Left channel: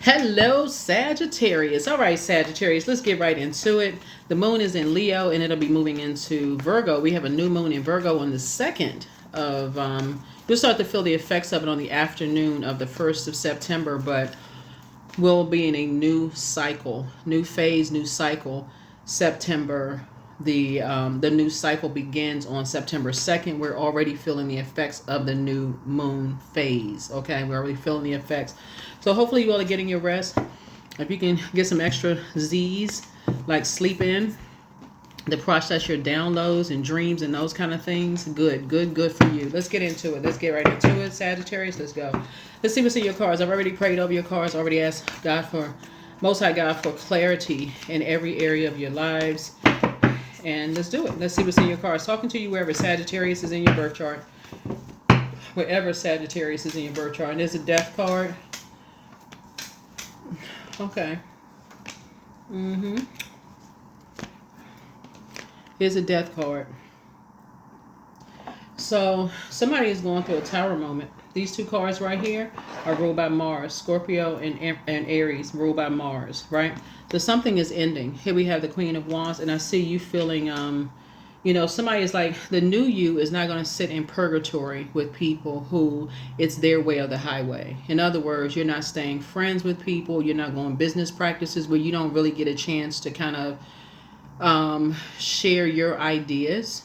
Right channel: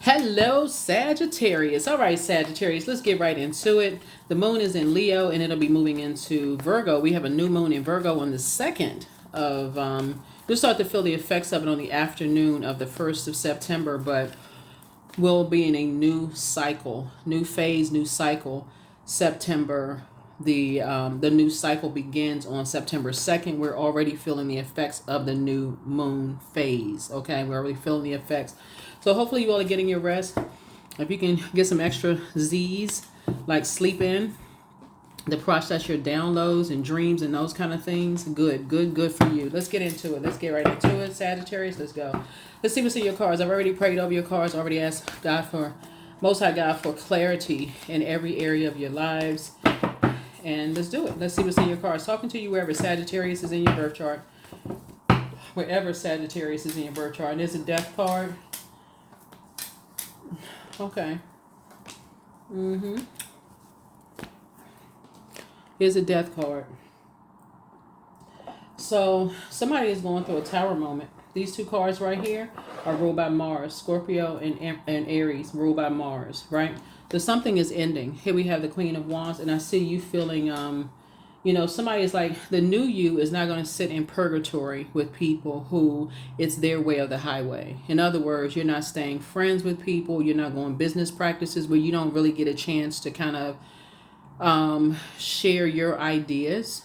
Hello, Sagittarius. All right, Sagittarius, let's get right into it. The moon is in Leo and it'll be moving into Virgo. We have a new moon in Virgo on the 2nd of, we'll start to feel the effects of it on the afternoon of the 1st of September, but we'll be in a new cycle, new phase, new cycle. September, the new cycle begins on September 2nd. We're already feeling the effects of the new moon phase. Okay, we're already feeling the effects. So hopefully you all are getting your rest. If you can get some extra Z's, like sleep in, to process your downloads and dreams and those kind of things, good for you. Let's get into it. Let's get right into it, Sagittarius. Let's go. Let's see what's in your cards. I've already prayed over your cards. I already asked God for, Most High God, for clarity in every area of your lives. And let's do it. Let's see what's in your cards. Talking to you wherever Sagittarius is in your birth chart. Wherever Sagittarius is in your birth chart. And there's a death card. Okay. Here's a death card. So somebody is going through a tower moment. These two cards right here are ruled by Mars. Scorpio and Aries ruled by Mars, right? So something is ending. Here we have the Queen of Wands, and I see you feeling, somebody is like, the new you is not going to sit in purgatory with people who it's their way or the highway. In other words, you're not staying friends with people. You're not going business practices where you don't really get a chance to kind of share your ideas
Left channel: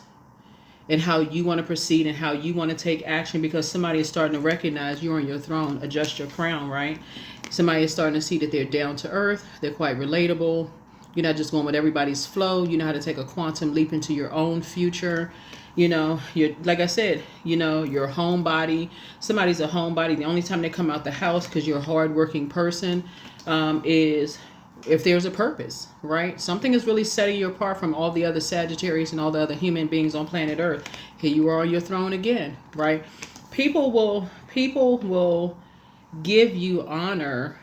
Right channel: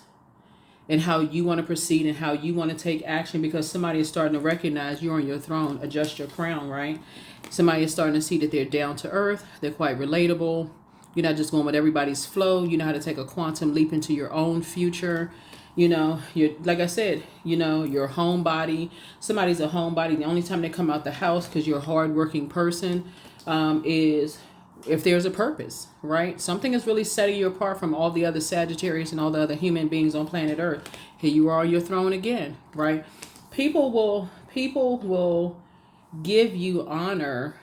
and how you want to proceed and how you want to take action, because somebody is starting to recognize you're on your throne. Adjust your crown, right? Somebody is starting to see that they're down to earth. They're quite relatable. You're not just going with everybody's flow. You know how to take a quantum leap into your own future. You're, like I said, your homebody. Somebody's a homebody. The only time they come out the house because you're a hardworking person is if there's a purpose, right? Something is really setting you apart from all the other Sagittarius and all the other human beings on planet Earth. Here you are on your throne again, right? People will give you honor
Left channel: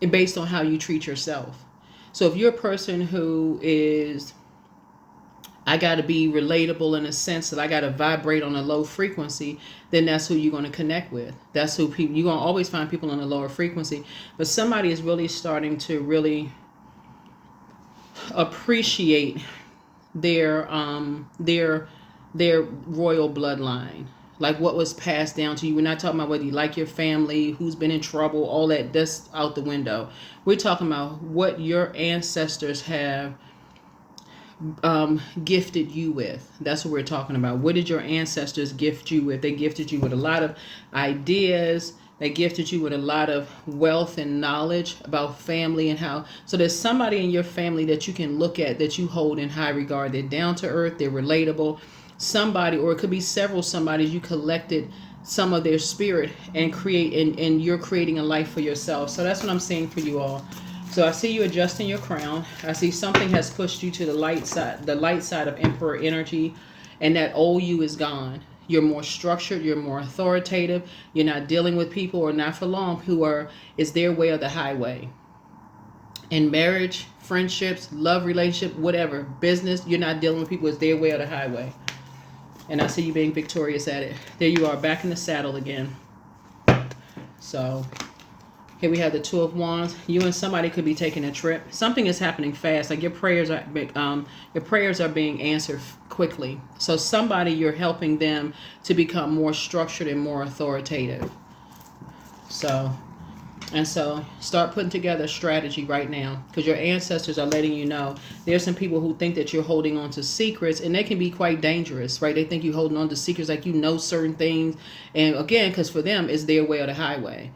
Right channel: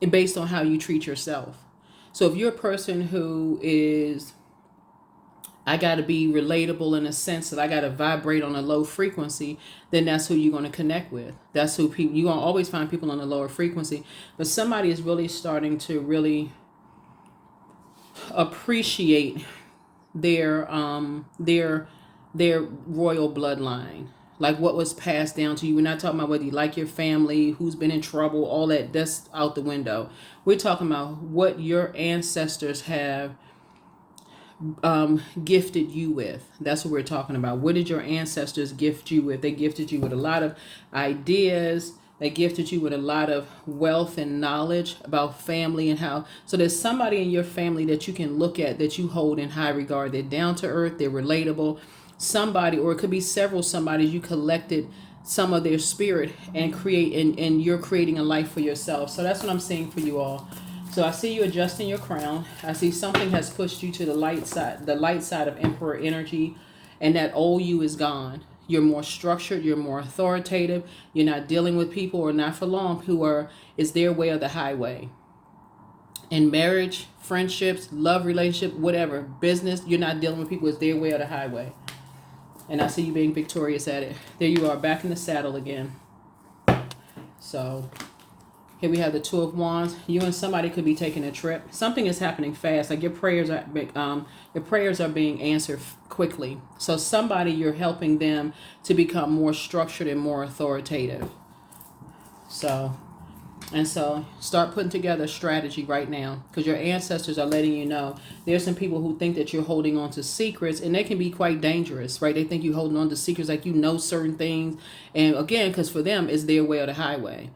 based on how you treat yourself. So if you're a person who is, I got to be relatable in a sense that I got to vibrate on a low frequency, then that's who you're going to connect with. That's who people, you're going to always find people on a lower frequency. But somebody is really starting to really appreciate their royal bloodline, like what was passed down to you. We're not talking about whether you like your family, who's been in trouble, all that. That's out the window. We're talking about what your ancestors have gifted you with. That's what we're talking about. What did your ancestors gift you with? They gifted you with a lot of ideas. They gifted you with a lot of wealth and knowledge about family and how. So there's somebody in your family that you can look at that you hold in high regard. They're down to earth. They're relatable. Somebody, or it could be several somebodies, you collected some of their spirit and and you're creating a life for yourself. So that's what I'm saying for you all. So I see you adjusting your crown. I see something has pushed you to the light side of Emperor energy, and that old you is gone. You're more structured, you're more authoritative. You're not dealing with people, or not for long, is their way or the highway. In marriage, friendships, love relationship, whatever, business, you're not dealing with people, it's their way or the highway. And I see you being victorious at it. There you are, back in the saddle again. So here we have the Two of Wands. You and somebody could be taking a trip. Something is happening fast. Like your prayers are being answered quickly. So somebody, you're helping them to become more structured and more authoritative. So start putting together a strategy right now, because your ancestors are letting you know there's some people who think that you're holding on to secrets, and they can be quite dangerous, right? They think you're holding on to secrets, like certain things. And again, because for them, it's their way or the highway.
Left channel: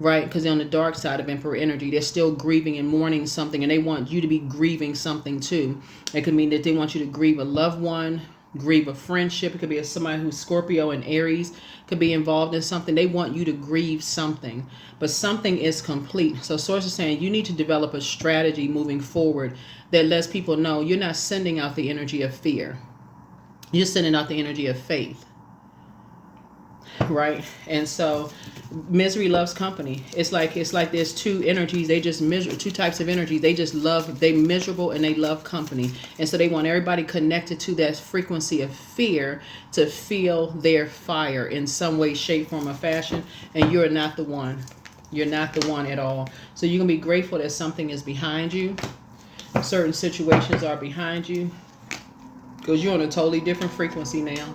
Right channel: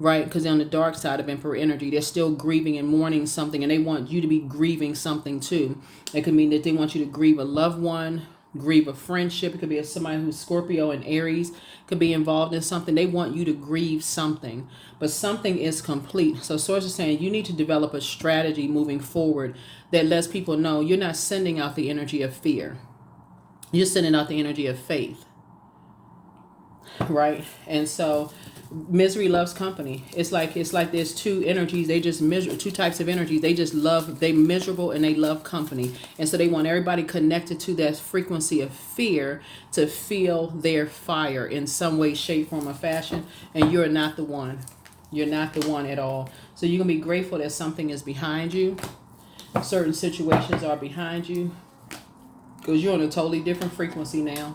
Right, because they're on the dark side of Emperor energy. They're still grieving and mourning something, and they want you to be grieving something too. It could mean that they want you to grieve a loved one, grieve a friendship. It could be somebody who's Scorpio and Aries could be involved in something. They want you to grieve something, but something is complete. So Source is saying you need to develop a strategy moving forward that lets people know you're not sending out the energy of fear. You're sending out the energy of faith. Right? And so misery loves company. It's like there's two energies. They just measure two types of energies. They miserable and they love company. And so they want everybody connected to that frequency of fear to feel their fire in some way, shape, form, or fashion. And you're not the one. You're not the one at all. So you're going to be grateful that something is behind you. Certain situations are behind you. Because you're on a totally different frequency now.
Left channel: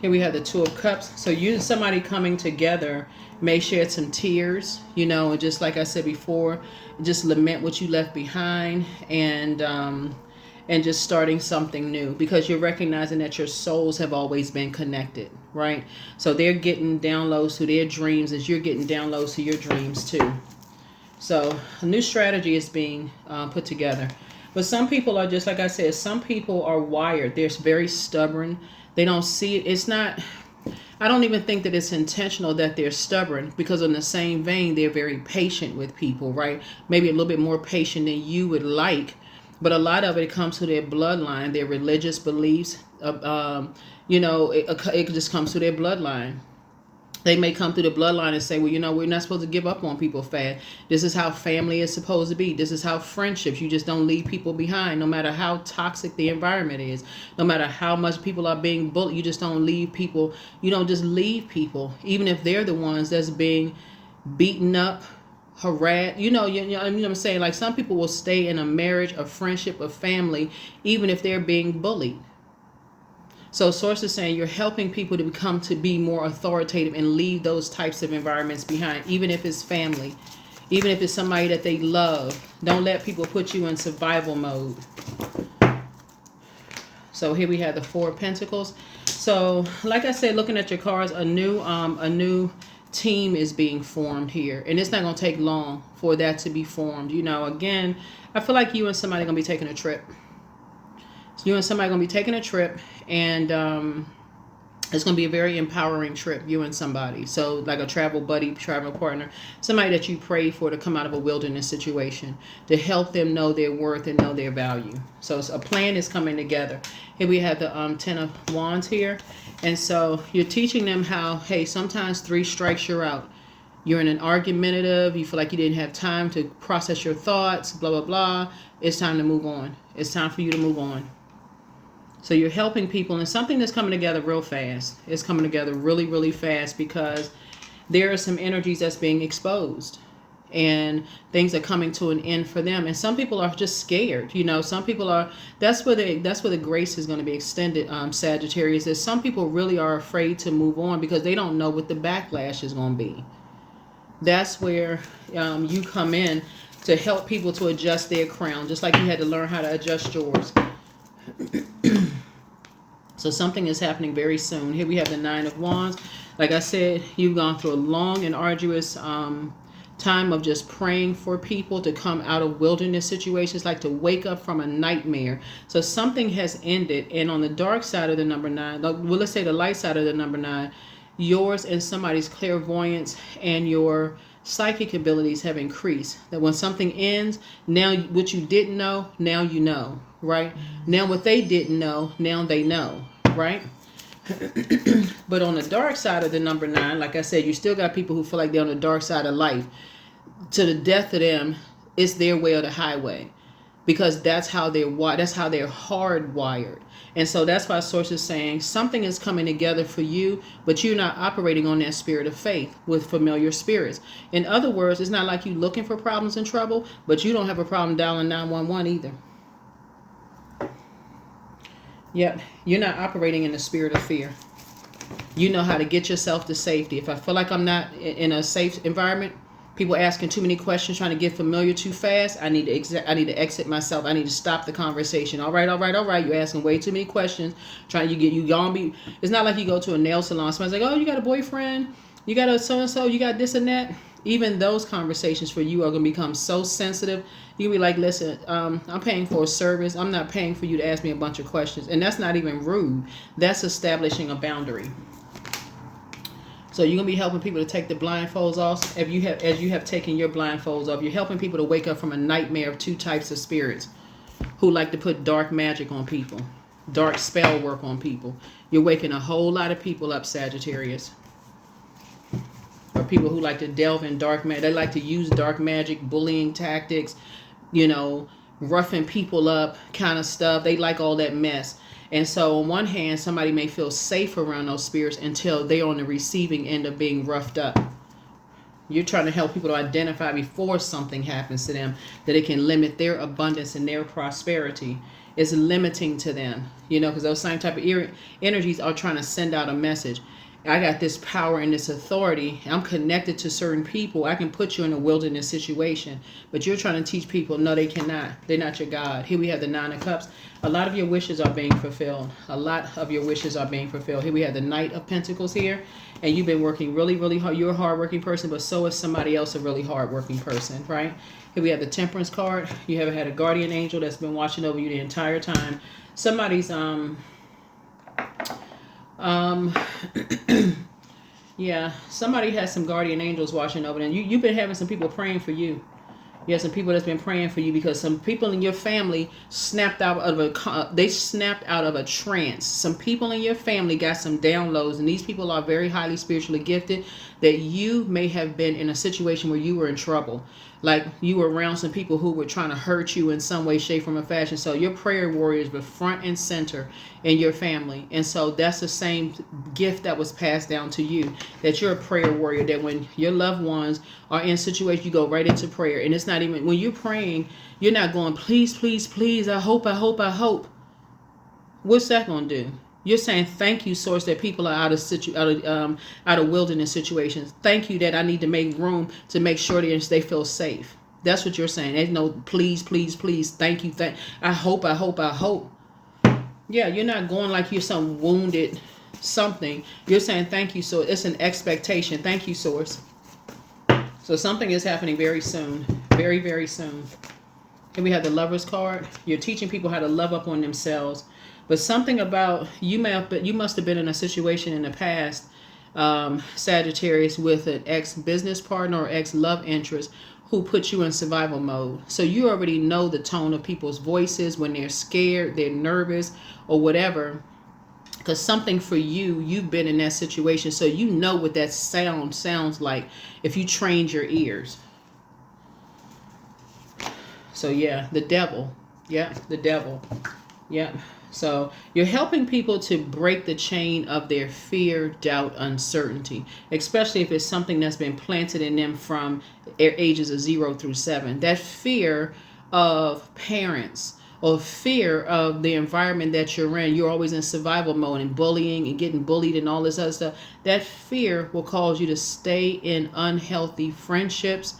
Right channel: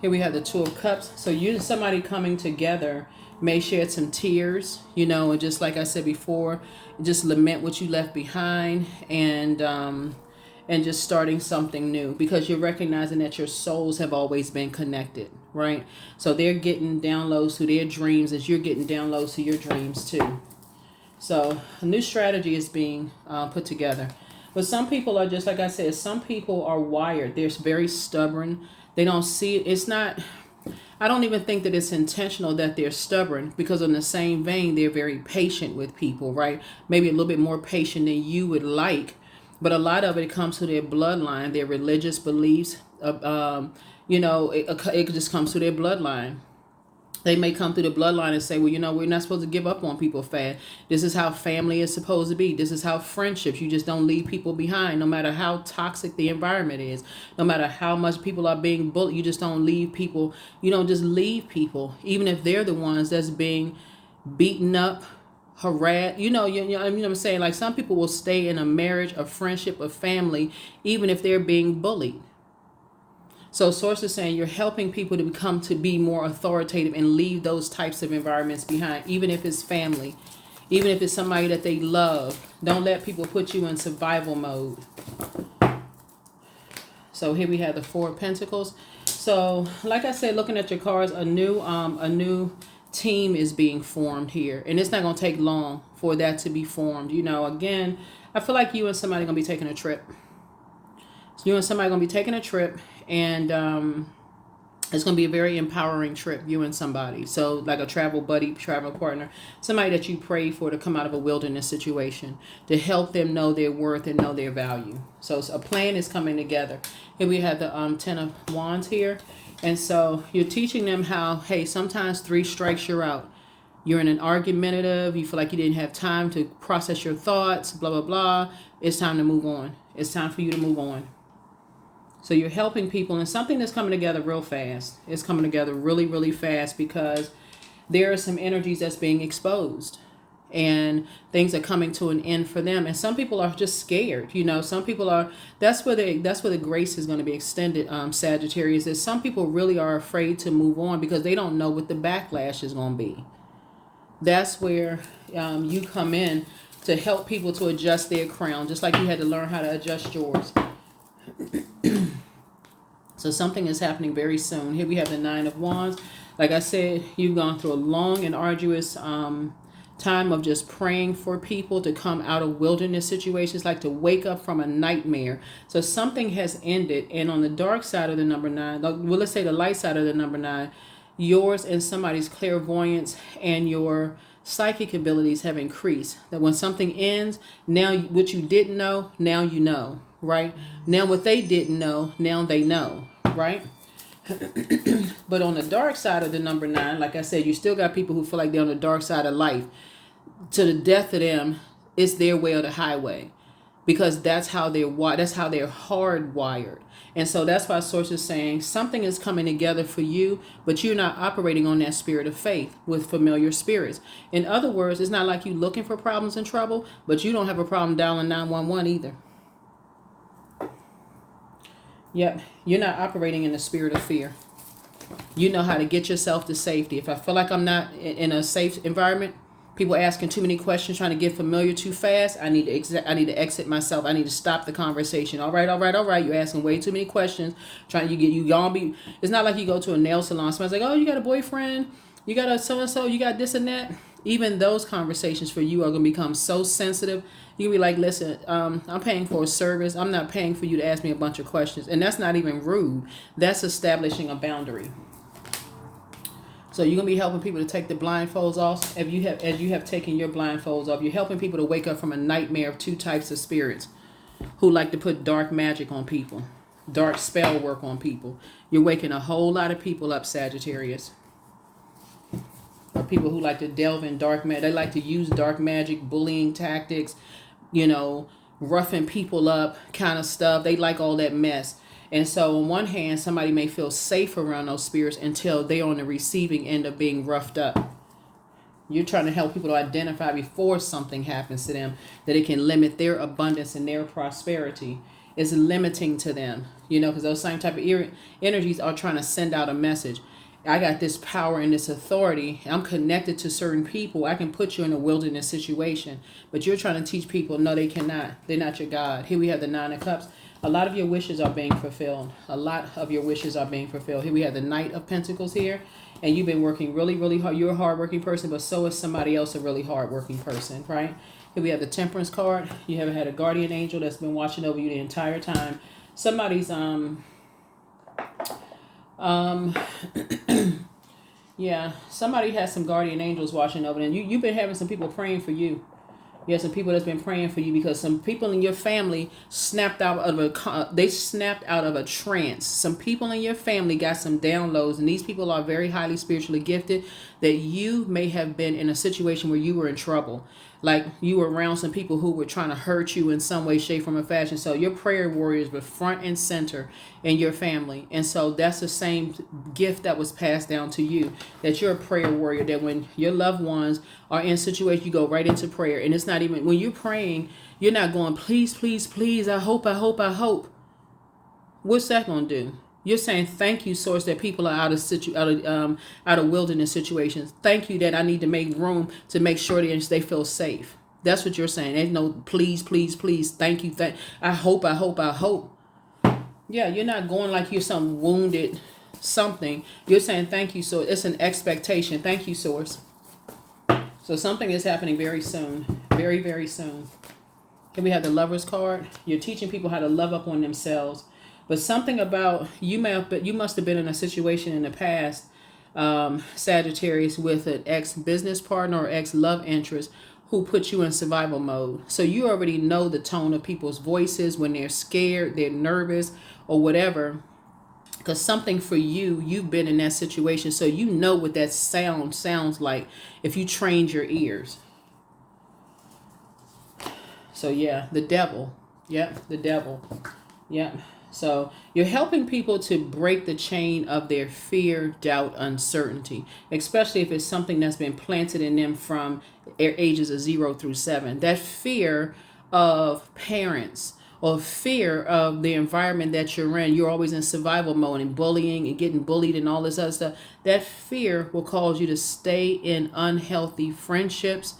Here we have the Two of Cups. So you and somebody coming together may shed some tears, and just like I said before, just lament what you left behind, and just starting something new, because you're recognizing that your souls have always been connected, right? So they're getting downloads to their dreams as you're getting downloads to your dreams too. So a new strategy is being put together. But some people are, just like I said, some people are wired. They're very stubborn. They don't see it. It's not, I don't even think that it's intentional that they're stubborn, because in the same vein, they're very patient with people, right? Maybe a little bit more patient than you would like. But a lot of it comes to their bloodline, their religious beliefs. It just comes to their bloodline. They may come through the bloodline and say, well, we're not supposed to give up on people fast. This is how family is supposed to be. This is how friendships, you just don't leave people behind, no matter how toxic the environment is, no matter how much people are being bullied. You just don't leave people. You don't just leave people, even if they're the ones that's being beaten up, harassed. You know what I'm saying? Like, some people will stay in a marriage, a friendship, a family, even if they're being bullied. So Source is saying you're helping people to be more authoritative and leave those types of environments behind, even if it's family, even if it's somebody that they love. Don't let people put you in survival mode. So here we have the Four of Pentacles. So like I said, looking at your cards, a new team is being formed here. And it's not going to take long for that to be formed. Again, I feel like you and somebody are going to be taking a trip. So you and somebody are going to be taking a trip. And it's going to be a very empowering trip, you and somebody. So like a travel buddy, travel partner, somebody that you pray for to come out of a wilderness situation, to help them know their worth and know their value. So a plan is coming together. Here we have the Ten of Wands here. And so you're teaching them how, hey, sometimes 3 strikes, you're out. You're in an argumentative, you feel like you didn't have time to process your thoughts, blah, blah, blah. It's time to move on. It's time for you to move on. So you're helping people, and something that's coming together real fast. It's coming together really, really fast, because there are some energies that's being exposed, and things are coming to an end for them. And some people are just scared. Some people are. That's where the grace is going to be extended. Sagittarius, is some people really are afraid to move on because they don't know what the backlash is going to be. That's where you come in to help people to adjust their crown, just like you had to learn how to adjust yours. So something is happening very soon. Here we have the Nine of Wands. Like I said, you've gone through a long and arduous time of just praying for people to come out of wilderness situations, like to wake up from a nightmare. So something has ended. And on the dark side of the number 9, well, let's say the light side of the number 9, yours and somebody's clairvoyance and your psychic abilities have increased. That when something ends, now what you didn't know, now you know, right? Now what they didn't know, now they know, right? But on the dark side of the number 9, like I said, you still got people who feel like they're on the dark side of life. To the death of them, it's their way or the highway, because that's how they're hardwired. And so that's why Source is saying something is coming together for you, but you're not operating on that spirit of faith with familiar spirits. In other words, it's not like you looking for problems and trouble, but you don't have a problem dialing 911 either. Yep, you're not operating in the spirit of fear. You know how to get yourself to safety. If I feel like I'm not in a safe environment, people asking too many questions, trying to get familiar too fast, I need to exit myself. I need to stop the conversation. All right. You're asking way too many questions. It's not like you go to a nail salon. Somebody's like, oh, you got a boyfriend? You got a so-and-so? You got this and that? Even those conversations for you are going to become so sensitive. You can be like, listen, I'm paying for a service. I'm not paying for you to ask me a bunch of questions. And that's not even rude. That's establishing a boundary. So you're going to be helping people to take the blindfolds off. As you have taken your blindfolds off, you're helping people to wake up from a nightmare of 2 types of spirits who like to put dark magic on people, dark spell work on people. You're waking a whole lot of people up, Sagittarius. Or people who like to delve in dark magic. They like to use dark magic, bullying tactics, roughing people up kind of stuff. They like all that mess. And so on one hand, somebody may feel safe around those spirits until they're on the receiving end of being roughed up. You're trying to help people to identify before something happens to them, that it can limit their abundance and their prosperity. It's limiting to them, because those same type of energies are trying to send out a message. I got this power and this authority. I'm connected to certain people. I can put you in a wilderness situation, but you're trying to teach people, no, they cannot. They're not your God. Here we have the Nine of Cups. A lot of your wishes are being fulfilled. A lot of your wishes are being fulfilled. Here we have the Knight of Pentacles here, and you've been working really, really hard. You're a hardworking person, but so is somebody else a really hardworking person, right? Here we have the Temperance card. You have had a guardian angel that's been watching over you the entire time. Somebody's yeah, somebody has some guardian angels watching over them. You've been having some people praying for you. You have some people that's been praying for you because some people in your family snapped out of a trance. Some people in your family got some downloads, and these people are very highly spiritually gifted, that you may have been in a situation where you were in trouble. Like you were around some people who were trying to hurt you in some way, shape, form, or fashion. So your prayer warriors were front and center in your family. And so that's the same gift that was passed down to you, that you're a prayer warrior, that when your loved ones are in situations, you go right into prayer. And it's not even, when you're praying, you're not going, please, please, please, I hope, I hope, I hope. What's that going to do? You're saying, thank you, source, that people are out of wilderness situations. Thank you that I need to make room to make sure that they feel safe. That's what you're saying. There's no please, please, please. Thank you. I hope, I hope, I hope. Yeah, you're not going like you're some wounded something. You're saying thank you, so it's an expectation. Thank you, source. So something is happening very soon. Very, very soon. Here we have the Lover's card. You're teaching people how to love up on themselves. But something about you must have been in a situation in the past, Sagittarius, with an ex-business partner or ex-love interest who put you in survival mode. So you already know the tone of people's voices when they're scared, they're nervous, or whatever. Because something for you, you've been in that situation, so you know what that sounds like if you trained your ears. So yeah, the devil. Yeah, the devil. Yeah. So you're helping people to break the chain of their fear, doubt, uncertainty, especially if it's something that's been planted in them from ages of 0 through 7. That fear of parents or fear of the environment that you're in. You're always in survival mode and bullying and getting bullied and all this other stuff. That fear will cause you to stay in unhealthy friendships,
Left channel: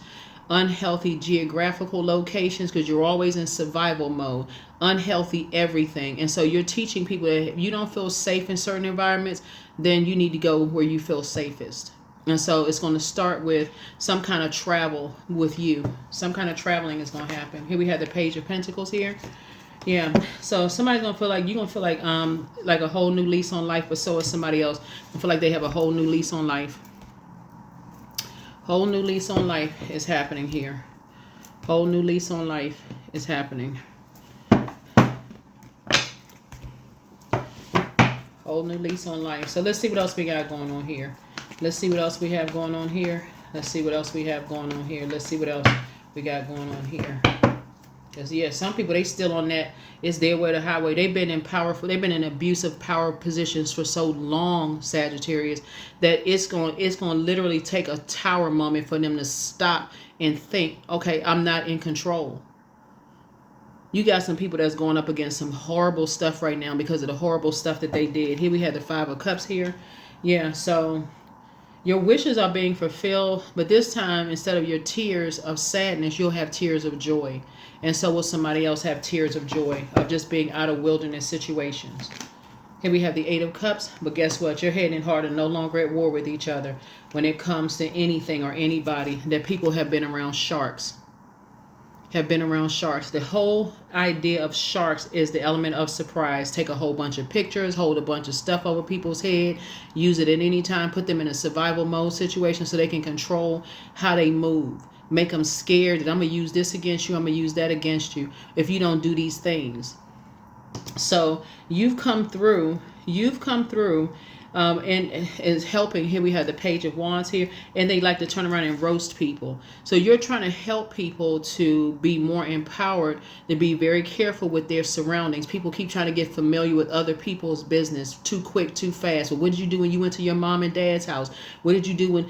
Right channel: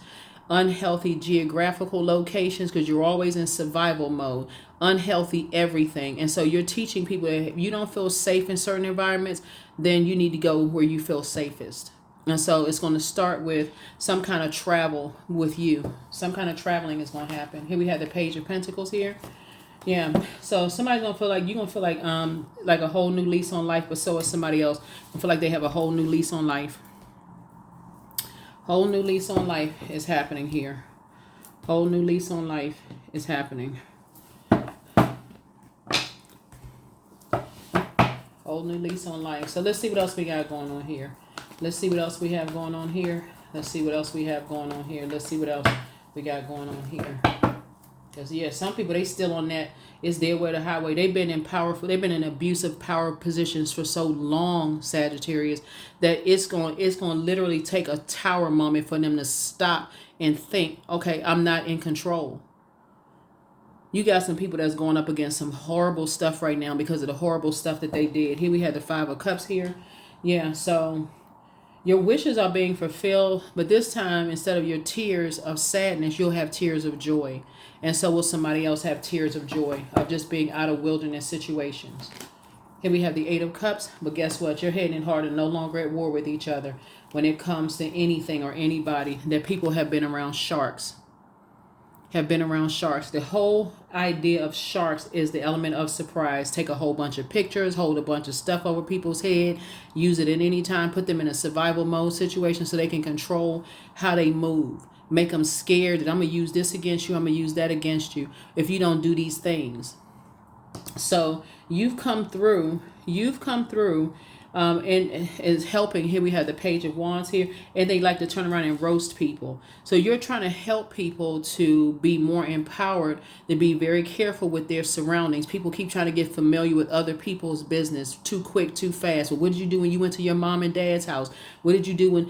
unhealthy geographical locations, because you're always in survival mode, unhealthy everything. And so you're teaching people that if you don't feel safe in certain environments, then you need to go where you feel safest. And so it's going to start with some kind of travel with you. Some kind of traveling is going to happen. Here we have the Page of Pentacles here. Yeah. So somebody's going to feel like, you're going to feel like a whole new lease on life, but so is somebody else. I feel like they have a whole new lease on life. Whole new lease on life is happening here. Whole new lease on life is happening. Whole new lease on life. So let's see what else we got going on here. Let's see what else we have going on here. Let's see what else we have going on here. Let's see what else we got going on here. Because yeah, some people, they still on that, it's their way to highway. They've been in abusive power positions for so long, Sagittarius, that it's going to literally take a tower moment for them to stop and think, okay, I'm not in control. You got some people that's going up against some horrible stuff right now because of the horrible stuff that they did. Here we have the Five of Cups here. Yeah, so your wishes are being fulfilled, but this time, instead of your tears of sadness, you'll have tears of joy. And so will somebody else have tears of joy of just being out of wilderness situations. Here we have the Eight of Cups, but guess what? Your head and heart are no longer at war with each other when it comes to anything or anybody. That people have been around sharks. The whole idea of sharks is the element of surprise. Take a whole bunch of pictures, hold a bunch of stuff over people's head, use it at any time, put them in a survival mode situation so they can control how they move. Make them scared that I'm going to use this against you, I'm going to use that against you if you don't do these things. So you've come through and is helping. Here we have the Page of Wands here, and they like to turn around and roast people. So you're trying to help people to be more empowered, to be very careful with their surroundings. People keep trying to get familiar with other people's business too quick, too fast. Well, what did you do when you went to your mom and dad's house? What did you do when,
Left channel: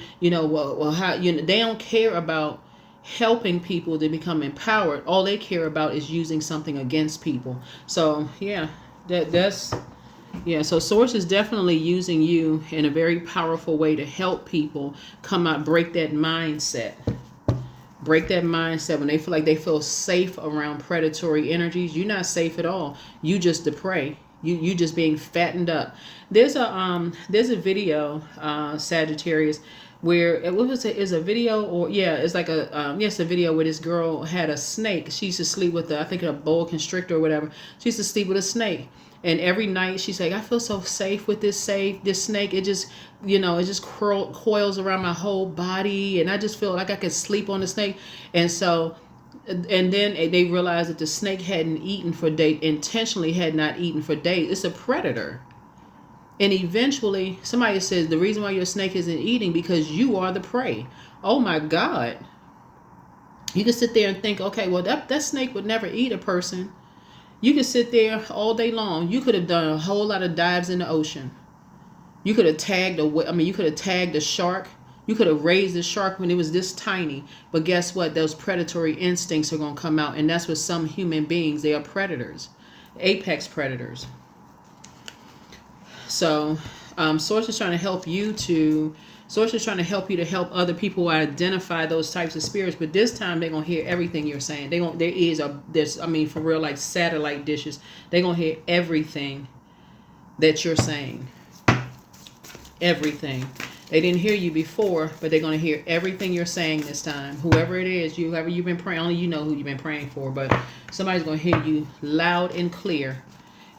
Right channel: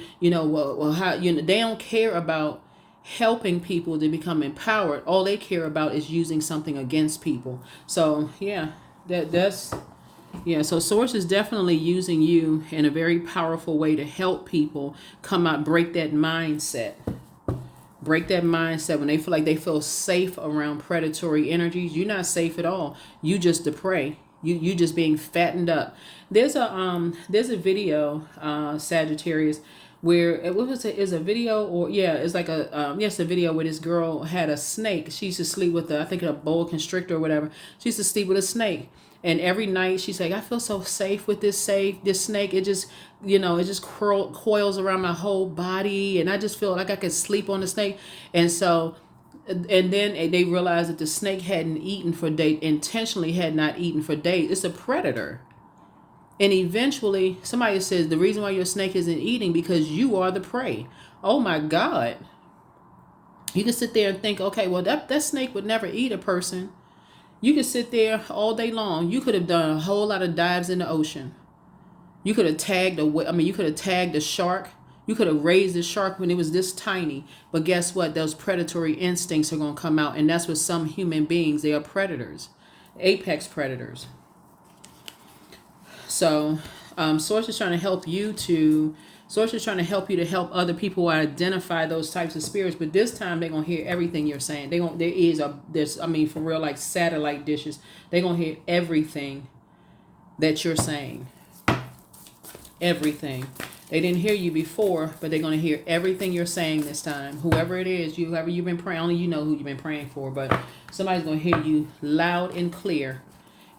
how, they don't care about helping people to become empowered. All they care about is using something against people. So yeah, that's so Source is definitely using you in a very powerful way to help people come out, break that mindset. Break that mindset when they feel like they feel safe around predatory energies. You're not safe at all. You just the prey. You just being fattened up. There's a video, Sagittarius, where is a video, or it's like a video where this girl had a snake. She used to sleep with I think a boa constrictor or whatever. She used to sleep with a snake, and every night she's like, I feel so safe with this snake. It just coils around my whole body, and I just feel like I could sleep on the snake. And then they realized that the snake hadn't eaten for days, intentionally had not eaten for days. It's a predator. And eventually, somebody says, the reason why your snake isn't eating because you are the prey. Oh my God. You can sit there and think, okay, well, that snake would never eat a person. You could sit there all day long. You could have done a whole lot of dives in the ocean. You could have tagged a shark. You could have raised the shark when it was this tiny. But guess what? Those predatory instincts are going to come out. And that's what some human beings, they are predators. Apex predators. So, Source is trying to help you to help other people identify those types of spirits. But this time they're gonna hear everything you're saying. Their ears are for real, like satellite dishes. They're gonna hear everything that you're saying. Everything. They didn't hear you before, but they're gonna hear everything you're saying this time. Whoever it is, whoever you've been praying, only you know who you've been praying for, but somebody's gonna hear you loud and clear.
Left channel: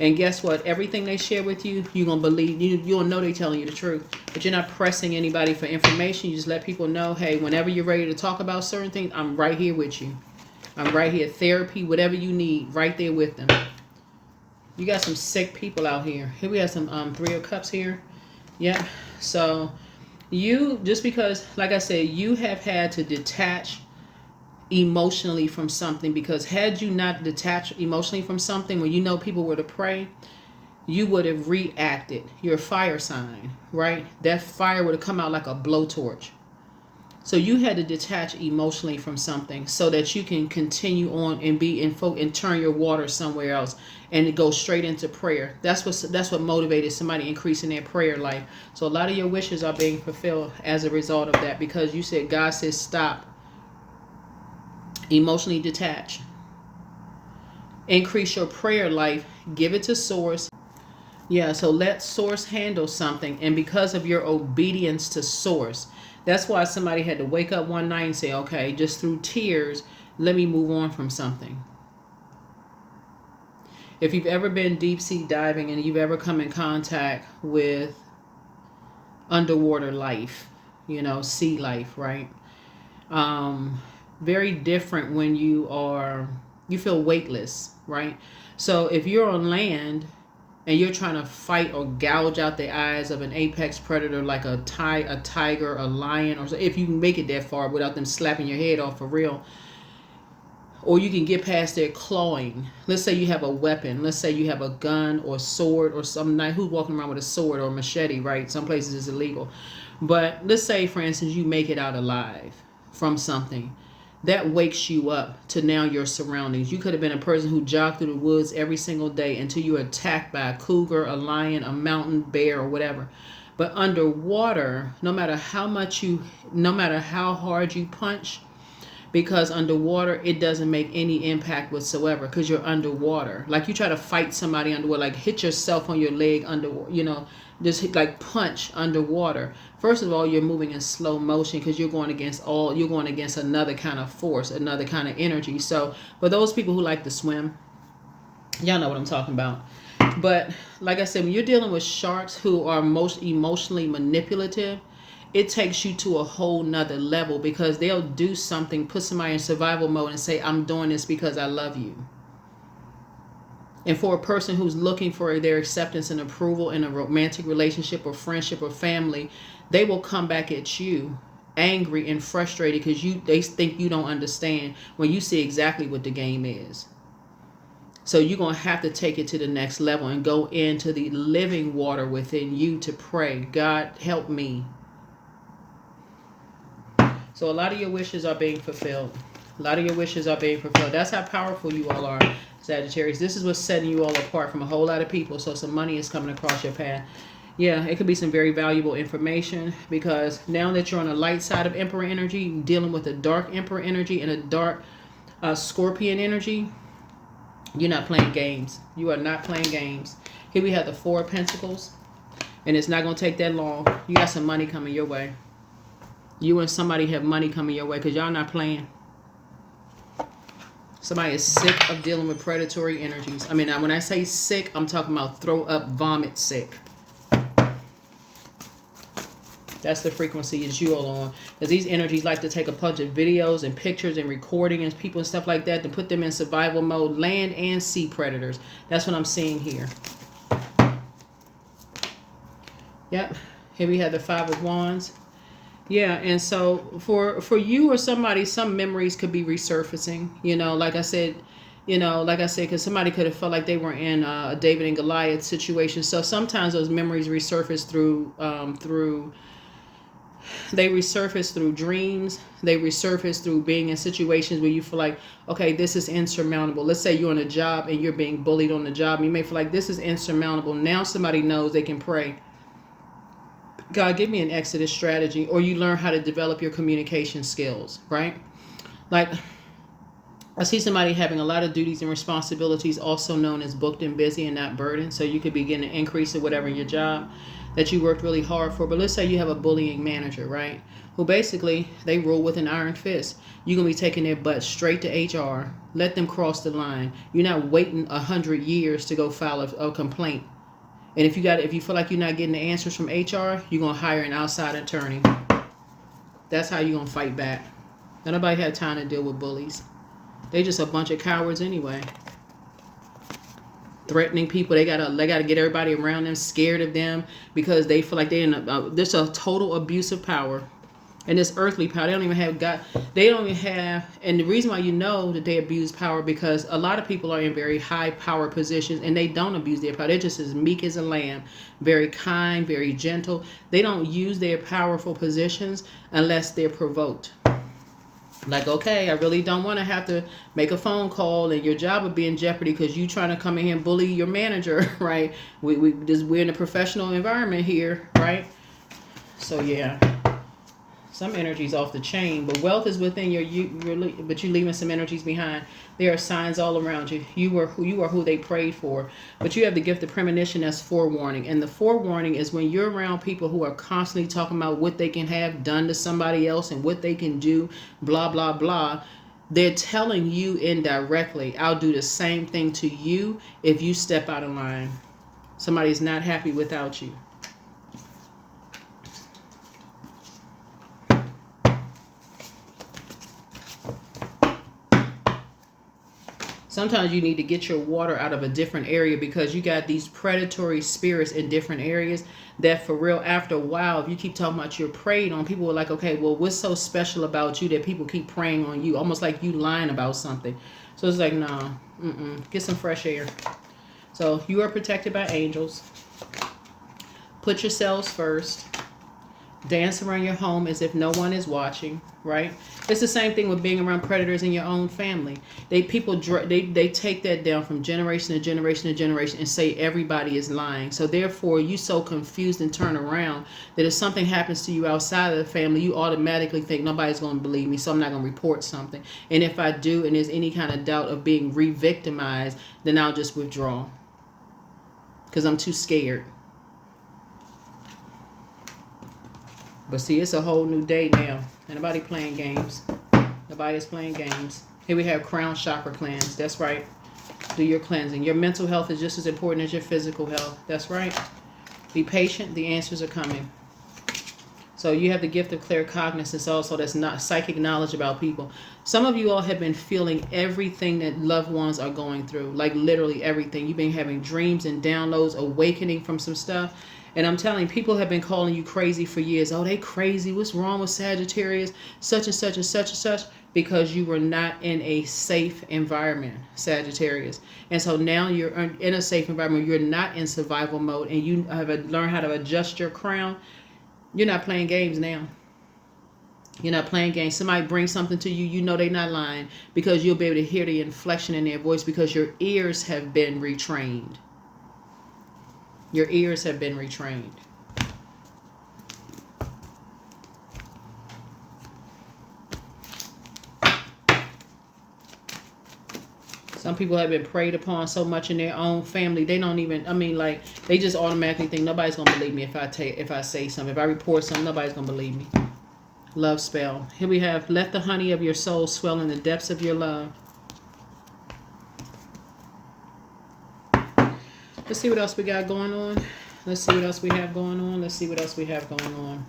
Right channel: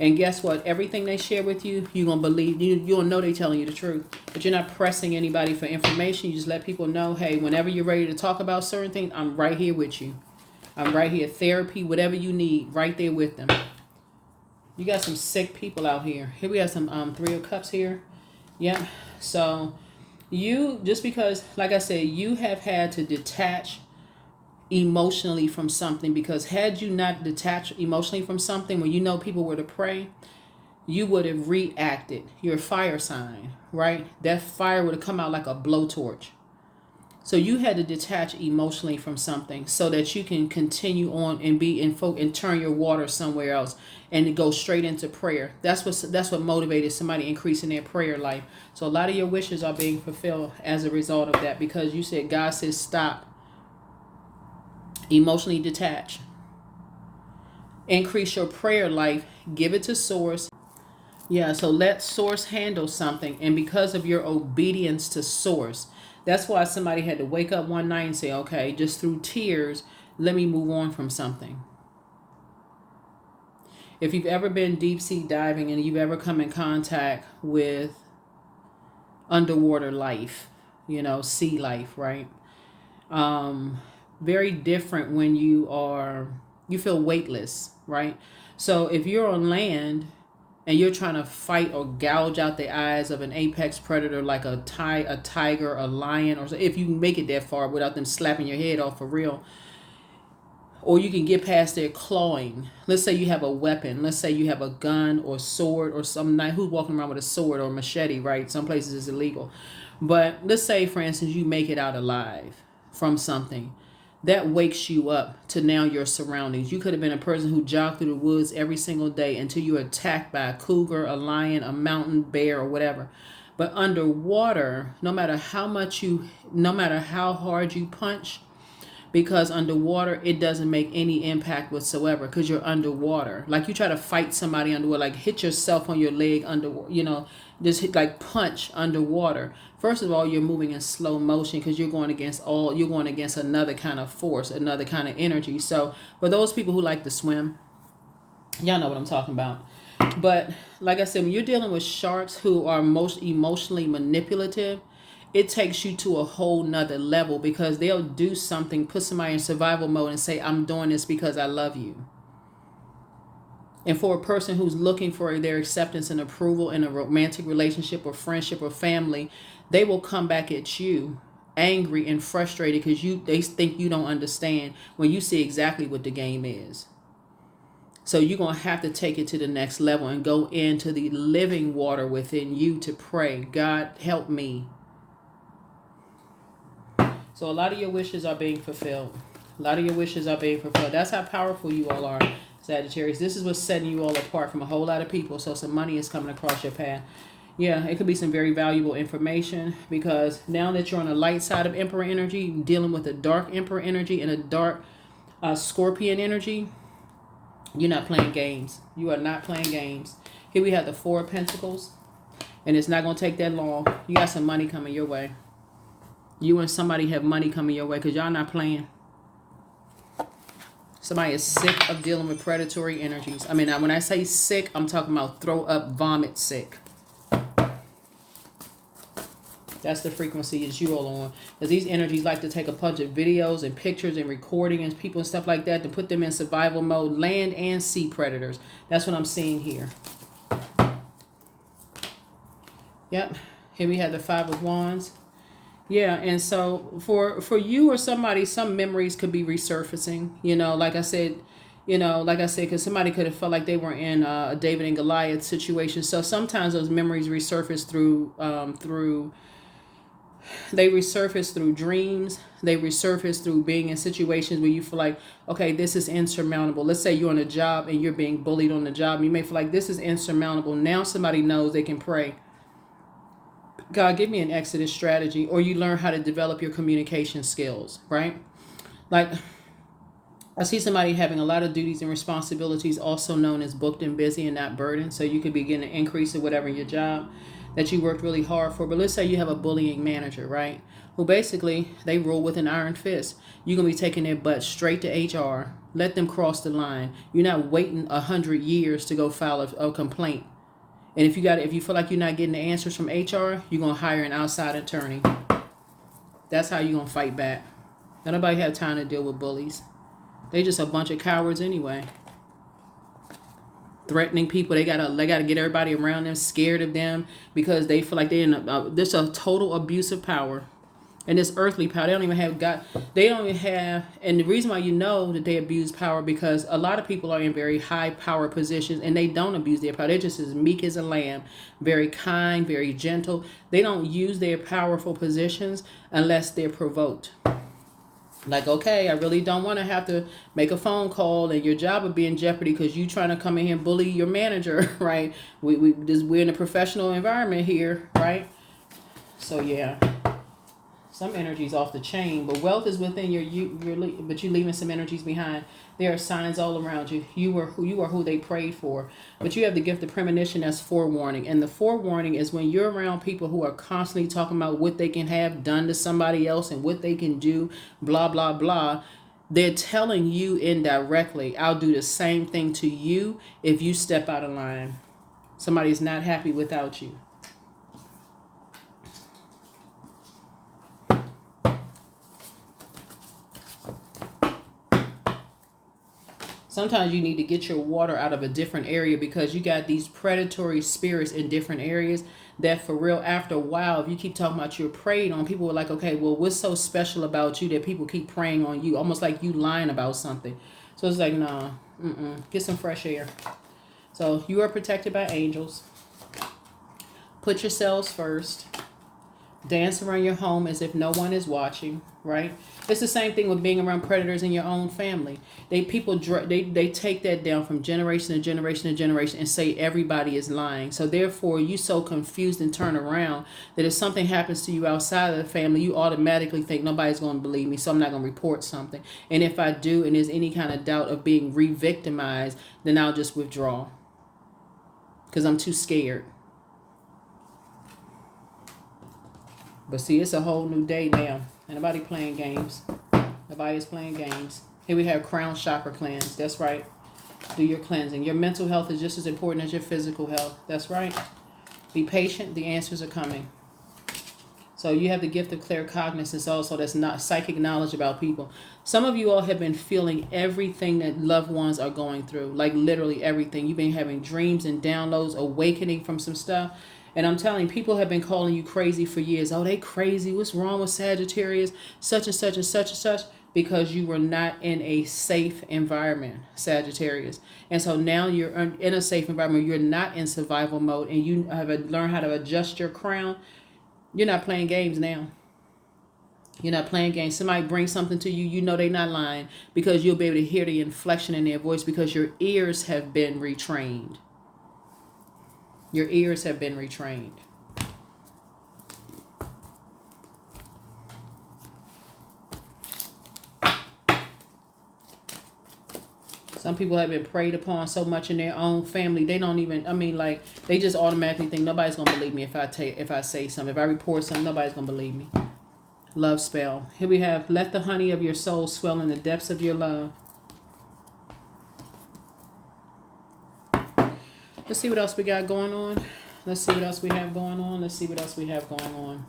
And guess what? Everything they share with you, you're going to believe. You'll know they're telling you the truth. But you're not pressing anybody for information. You just let people know, hey, whenever you're ready to talk about certain things, I'm right here with you. I'm right here. Therapy, whatever you need, right there with them. You got some sick people out here. Here we have some Three of Cups here. Yeah. So you, just because, like I said, you have had to detach emotionally from something, because had you not detached emotionally from something when you know people were to pray, you would have reacted. You're a fire sign, right? That fire would have come out like a blowtorch. So you had to detach emotionally from something so that you can continue on and be in and turn your water somewhere else and go straight into prayer. That's what motivated somebody increasing their prayer life. So a lot of your wishes are being fulfilled as a result of that, because you said, God says stop. Emotionally detach. Increase your prayer life. Give it to Source. Yeah, so let Source handle something. And because of your obedience to Source, that's why somebody had to wake up one night and say, okay, just through tears, let me move on from something. If you've ever been deep sea diving and you've ever come in contact with underwater life, sea life, right? Very different when you feel weightless, right? So if you're on land and you're trying to fight or gouge out the eyes of an apex predator like a tiger, a lion, or if you can make it that far without them slapping your head off for real, or you can get past their clawing. Let's say you have a weapon. Let's say you have a gun or sword or something. Who's walking around with a sword or machete, right? Some places it's illegal. But let's say, for instance, you make it out alive from something. That wakes you up to now your surroundings. You could have been a person who jogged through the woods every single day until you were attacked by a cougar, a lion, a mountain bear, or whatever. But underwater, no matter how hard you punch, because underwater, it doesn't make any impact whatsoever because you're underwater. Like you try to fight somebody underwater, like hit yourself on your leg just hit, like punch underwater. First of all, you're moving in slow motion because you're going against another kind of force, another kind of energy. So for those people who like to swim, y'all know what I'm talking about. But like I said, when you're dealing with sharks who are most emotionally manipulative, it takes you to a whole nother level, because they'll do something, put somebody in survival mode and say, I'm doing this because I love you. And for a person who's looking for their acceptance and approval in a romantic relationship or friendship or family, they will come back at you angry and frustrated because they think you don't understand when you see exactly what the game is. So you're going to have to take it to the next level and go into the living water within you to pray, God, help me. So a lot of your wishes are being fulfilled. A lot of your wishes are being fulfilled. That's how powerful you all are, Sagittarius. This is what's setting you all apart from a whole lot of people. So some money is coming across your path. Yeah, it could be some very valuable information, because now that you're on the light side of Emperor energy, dealing with a dark Emperor energy and a dark Scorpion energy, you're not playing games. You are not playing games. Here we have the Four of Pentacles, and it's not going to take that long. You got some money coming your way. You and somebody have money coming your way because y'all not playing. Somebody is sick of dealing with predatory energies. I mean, when I say sick, I'm talking about throw up, vomit sick. That's the frequency that you all on. Because these energies like to take a bunch of videos and pictures and recording and people and stuff like that to put them in survival mode, land and sea predators. That's what I'm seeing here. Yep. Here we have the Five of Wands. Yeah, and so for you or somebody, some memories could be resurfacing. Like I said, because somebody could have felt like they were in a David and Goliath situation. So sometimes those memories resurface through dreams. They resurface through being in situations where you feel like, okay, this is insurmountable. Let's say you're on a job and you're being bullied on the job. You may feel like this is insurmountable. Now somebody knows they can pray, God, give me an exodus strategy, or you learn how to develop your communication skills, right? Like, I see somebody having a lot of duties and responsibilities, also known as booked and busy and not burdened. So you could be getting an increase in whatever your job that you worked really hard for. But let's say you have a bullying manager, right? Who basically, they rule with an iron fist. You're going to be taking their butt straight to HR. Let them cross the line. You're not waiting 100 years to go file a complaint. And if you feel like you're not getting the answers from HR, you're going to hire an outside attorney. That's how you're going to fight back. Nobody had time to deal with bullies. They just a bunch of cowards anyway. Threatening people. They gotta get everybody around them scared of them because they feel like they're in there's a total abuse of power. And this earthly power, they don't even have, and the reason why you know that they abuse power, because a lot of people are in very high power positions and they don't abuse their power. They're just as meek as a lamb, very kind, very gentle. They don't use their powerful positions unless they're provoked. Like, okay, I really don't want to have to make a phone call and your job would be in jeopardy because you trying to come in here and bully your manager, right? We're in a professional environment here, right? So yeah. Some energies off the chain, but wealth is within but you're leaving some energies behind. There are signs all around you. You are who they prayed for, but you have the gift of premonition as forewarning. And the forewarning is when you're around people who are constantly talking about what they can have done to somebody else and what they can do, blah, blah, blah. They're telling you indirectly, I'll do the same thing to you if you step out of line. Somebody's not happy without you. Sometimes you need to get your water out of a different area because you got these predatory spirits in different areas that for real, after a while, if you keep talking about you're preying on, people are like, okay, well, what's so special about you that people keep preying on you? Almost like you lying about something. So it's like, nah, get some fresh air. So you are protected by angels. Put yourselves first. Dance around your home as if no one is watching, right? It's the same thing with being around predators in your own family. They take that down from generation to generation to generation and say everybody is lying. So therefore, you so confused and turn around that if something happens to you outside of the family, you automatically think nobody's going to believe me, so I'm not going to report something. And if I do, and there's any kind of doubt of being re-victimized, then I'll just withdraw because I'm too scared. But see, it's a whole new day now. Nobody playing games. Nobody's playing games. Here we have crown chakra cleanse. That's right. Do your cleansing. Your mental health is just as important as your physical health. That's right. Be patient. The answers are coming. So you have the gift of claircognizance also. That's not psychic knowledge about people. Some of you all have been feeling everything that loved ones are going through, like literally everything. You've been having dreams and downloads, awakening from some stuff. And I'm telling you, people have been calling you crazy for years. Oh, they crazy. What's wrong with Sagittarius? Such and such and such and such. Because you were not in a safe environment, Sagittarius. And so now you're in a safe environment. You're not in survival mode, and you have learned how to adjust your crown. You're not playing games now. You're not playing games. Somebody brings something to you, you know they're not lying, because you'll be able to hear the inflection in their voice because your ears have been retrained. Your ears have been retrained. Some people have been preyed upon so much in their own family, they don't even, like, they just automatically think nobody's going to believe me if I say something. If I report something, nobody's going to believe me. Love spell. Here we have, let the honey of your soul swell in the depths of your love. Let's see what else we got going on. Let's see what else we have going on. Let's see what else we have going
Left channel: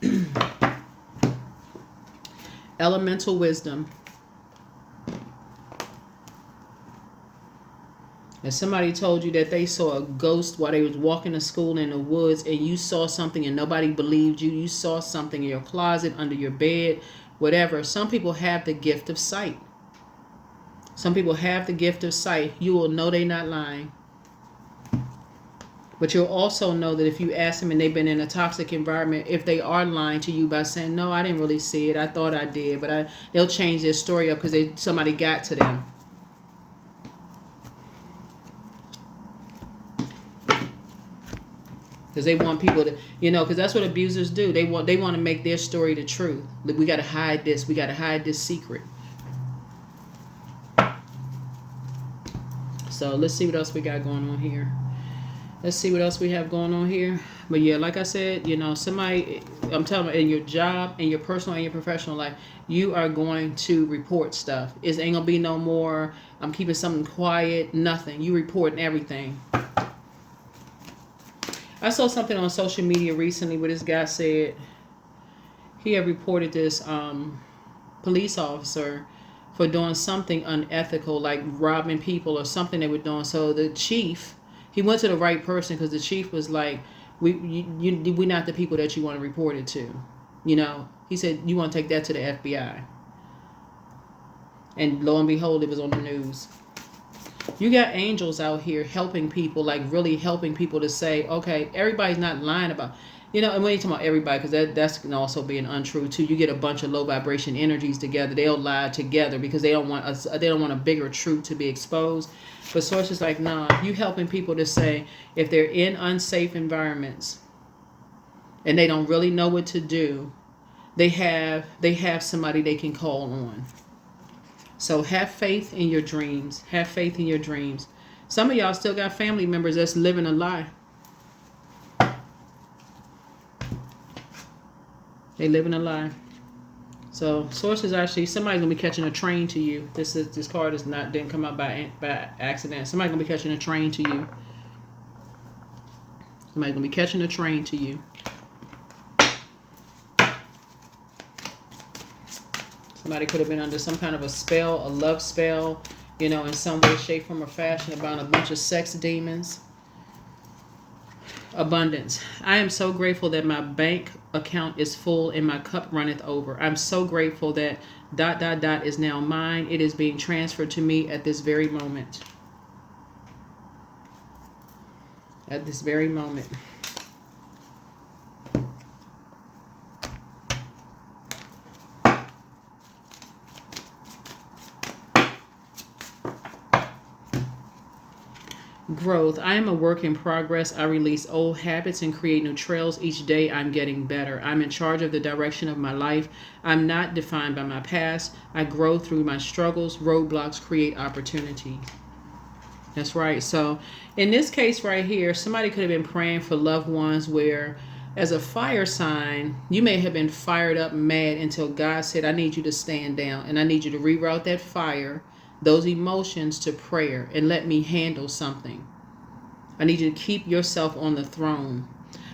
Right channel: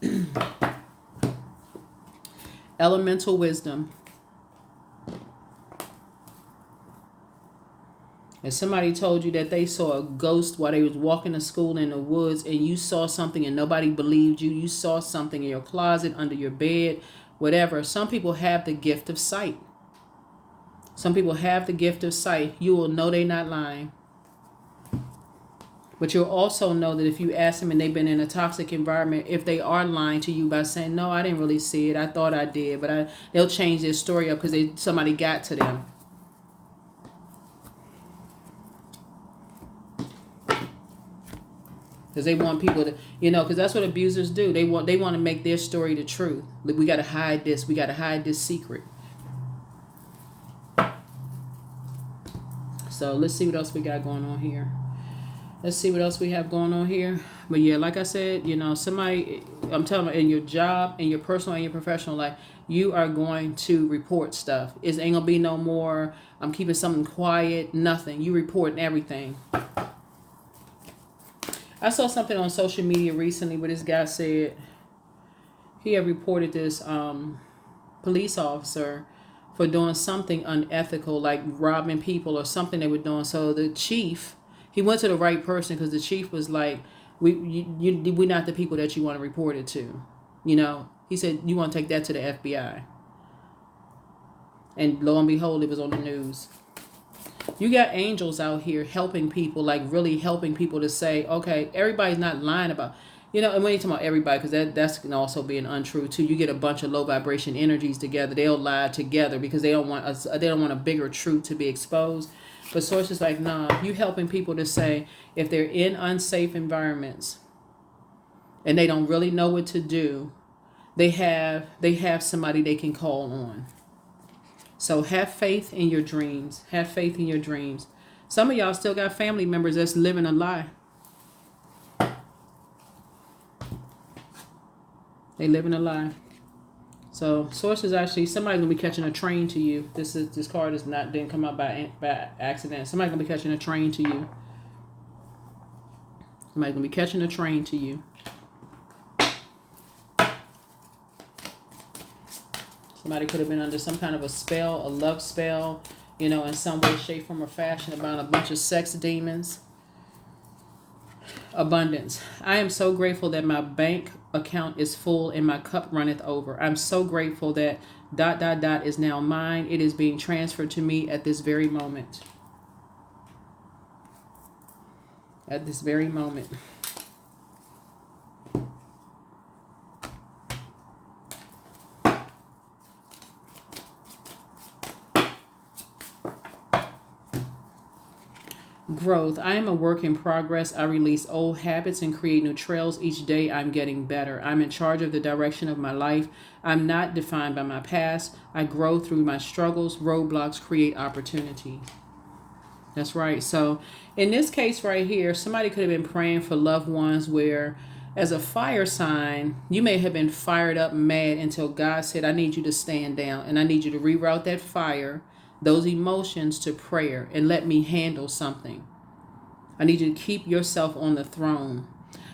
on. Elemental wisdom. And somebody told you that they saw a ghost while they was walking to school in the woods, and you saw something and nobody believed you. You saw something in your closet, under your bed, whatever. Some people have the gift of sight. Some people have the gift of sight. You will know they're not lying. But you'll also know that if you ask them and they've been in a toxic environment, if they are lying to you by saying, no, I didn't really see it. I thought I did. But they'll change their story up because somebody got to them. Because they want people to, because that's what abusers do. They want to make their story the truth. We got to hide this. We got to hide this secret. So let's see what else we got going on here. Let's see what else we have going on here. But yeah, like I said, somebody, I'm telling you, in your job, in your personal and your professional life, you are going to report stuff. It ain't going to be no more, I'm keeping something quiet, nothing. You reporting everything. I saw something on social media recently where this guy said he had reported this police officer for doing something unethical, like robbing people or something they were doing. So the chief, he went to the right person because the chief was like, we're not the people that you want to report it to. He said, you want to take that to the FBI. And lo and behold, it was on the news. You got angels out here helping people, like really helping people to say, okay, everybody's not lying about, and when you talk about everybody, because that's can also be an untrue too. You get a bunch of low vibration energies together, they'll lie together because they don't want a bigger truth to be exposed. But sources like, nah, you helping people to say if they're in unsafe environments and they don't really know what to do, they have somebody they can call on. So have faith in your dreams. Have faith in your dreams. Some of y'all still got family members that's living a lie. They living a lie. So sources actually, somebody's gonna be catching a train to you. This card didn't come out by accident. Somebody's gonna be catching a train to you. Somebody's gonna be catching a train to you. Somebody could have been under some kind of a spell, a love spell, in some way, shape, form, or fashion about a bunch of sex demons. Abundance. I am so grateful that my bank account is full and my cup runneth over. I'm so grateful that ... is now mine. It is being transferred to me at this very moment. At this very moment. Growth. I am a work in progress. I release old habits and create new trails. Each day I'm getting better. I'm in charge of the direction of my life. I'm not defined by my past. I grow through my struggles. Roadblocks create opportunity. That's right. So in this case right here, somebody could have been praying for loved ones where, as a fire sign, you may have been fired up, mad, until God said, I need you to stand down and I need you to reroute that fire, those emotions, to prayer and let me handle something. I need you to keep yourself on the throne.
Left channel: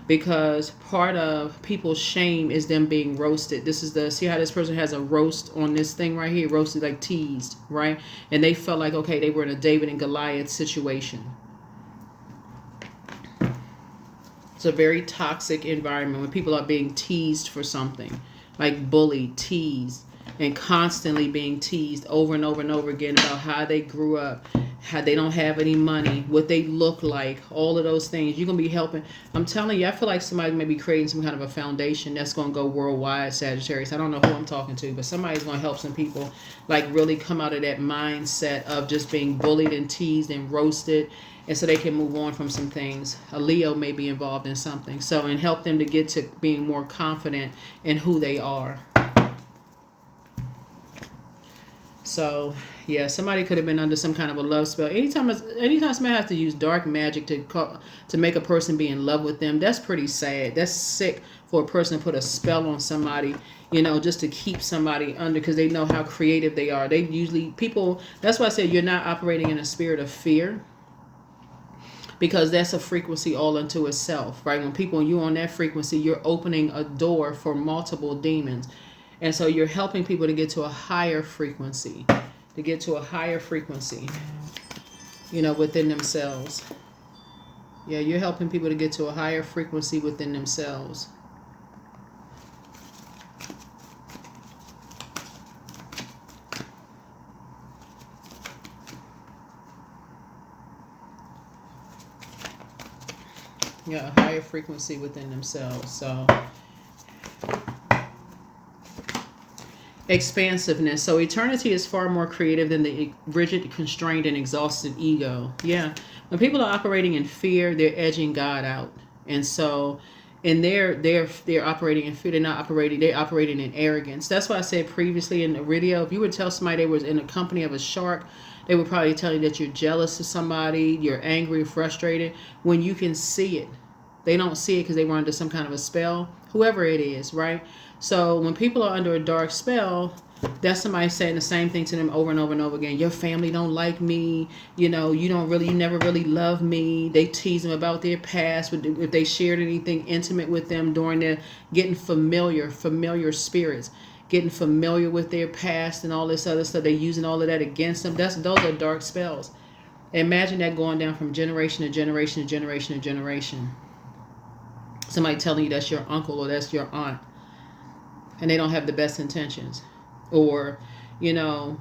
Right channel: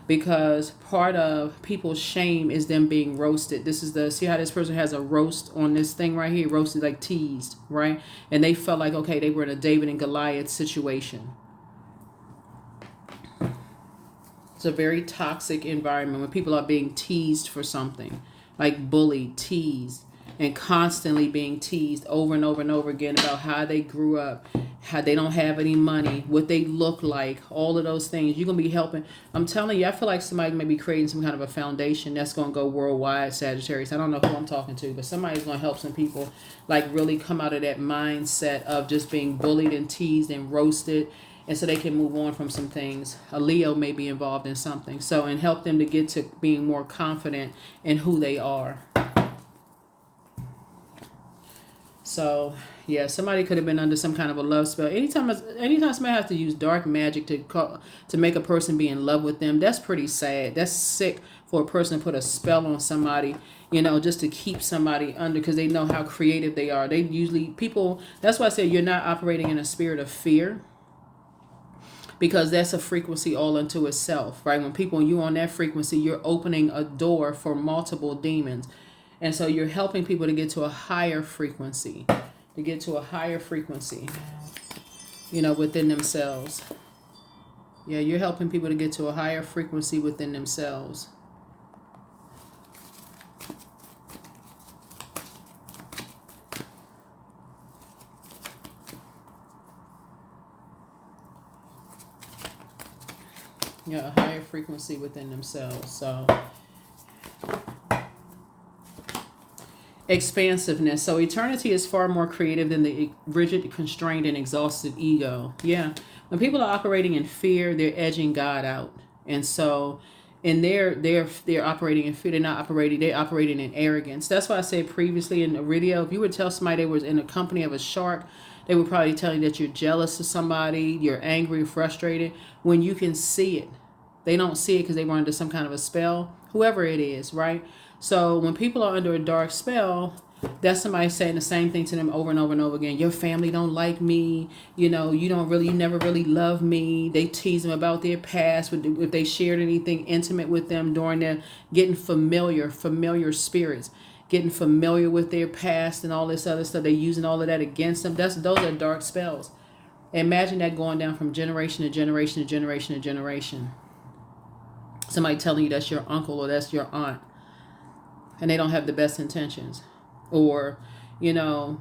because part of people's shame is them being roasted. This is the, see how this person has a roast on this thing right here, roasted, like teased, right? And they felt like, okay, they were in a David and Goliath situation. It's a very toxic environment when people are being teased for something, like bullied, teased, and constantly being teased over and over and over again about how they grew up, how they don't have any money, what they look like, all of those things. You're going to be helping. I'm telling you, I feel like somebody may be creating some kind of a foundation that's going to go worldwide, Sagittarius. I don't know who I'm talking to, but somebody's going to help some people like really come out of that mindset of just being bullied and teased and roasted, and so they can move on from some things. A Leo may be involved in something. So, and help them to get to being more confident in who they are. So, yeah, somebody could have been under some kind of a love spell. Anytime somebody has to use dark magic to make a person be in love with them, that's pretty sad. That's sick for a person to put a spell on somebody, you know, just to keep somebody under, because they know how creative they are. They usually, people, that's why I said you're not operating in a spirit of fear, because that's a frequency all unto itself, right? When you're on that frequency, you're opening a door for multiple demons. And so you're helping people to get to a higher frequency, you know, within themselves. Yeah, you're helping people to get to a higher frequency within themselves. Yeah, a higher frequency within themselves. So, expansiveness. So eternity is far more creative than the rigid, constrained, and exhausted ego. Yeah. When people are operating in fear, they're edging God out. And so, and they're operating in fear. They're operating in arrogance. That's why I said previously in the video, if you would tell somebody they was in the company of a shark, they would probably tell you that you're jealous of somebody, you're angry, frustrated, when you can see it. They don't see it because they were under some kind of a spell, whoever it is, right? So when people are under a dark spell, that's somebody saying the same thing to them over and over and over again. Your family don't like me. You know, you never really love me. They tease them about their past. If they shared anything intimate with them during their getting familiar spirits, getting familiar with their past and all this other stuff. They're using all of that against them. Those are dark spells. Imagine that going down from generation to generation to generation to generation. Somebody telling you that's your uncle or that's your aunt, and they don't have the best intentions. Or, you know,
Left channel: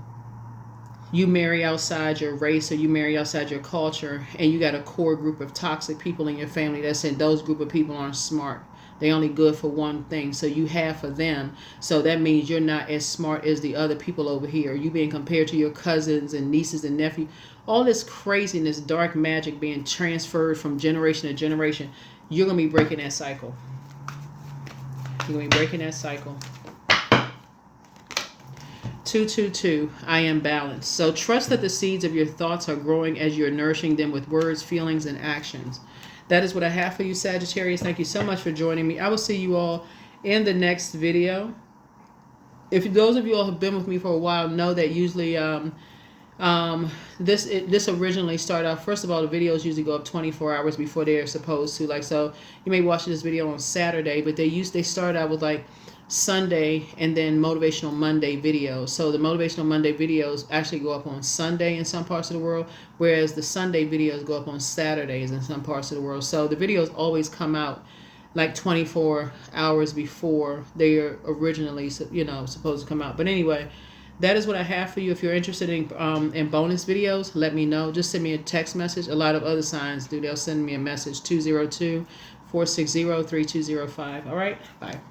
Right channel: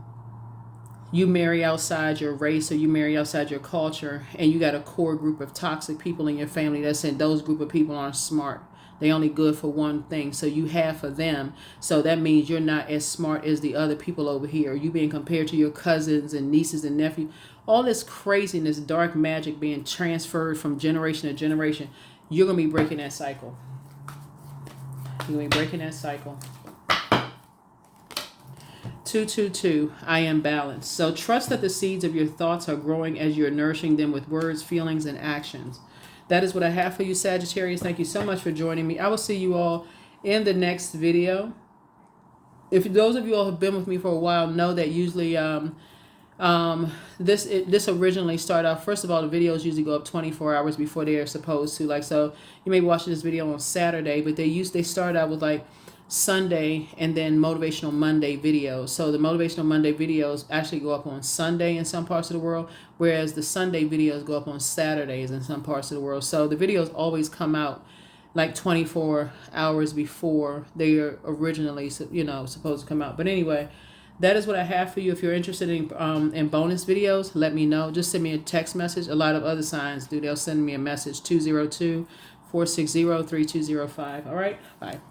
you marry outside your race or you marry outside your culture, and you got a core group of toxic people in your family that's saying those group of people aren't smart. They only good for one thing. So you have for them. So that means you're not as smart as the other people over here. You being compared to your cousins and nieces and nephews. All this craziness, dark magic being transferred from generation to generation. You're going to be breaking that cycle. You're going to be breaking that cycle. 222, I am balanced. So trust that the seeds of your thoughts are growing as you're nourishing them with words, feelings, and actions. That is what I have for you, Sagittarius. Thank you so much for joining me. I will see you all in the next video. If those of you all have been with me for a while know that usually this originally started out, first of all, the videos usually go up 24 hours before they are supposed to. Like, so you may be watching this video on Saturday, but they started out with like Sunday and then Motivational Monday videos. So the Motivational Monday videos actually go up on Sunday in some parts of the world, whereas the Sunday videos go up on Saturdays in some parts of the world. So the videos always come out like 24 hours before they are originally, supposed to come out. But anyway, that is what I have for you. If you're interested in bonus videos, let me know. Just send me a text message. A lot of other signs do. They'll send me a message, 202-460-3205. All right? Bye.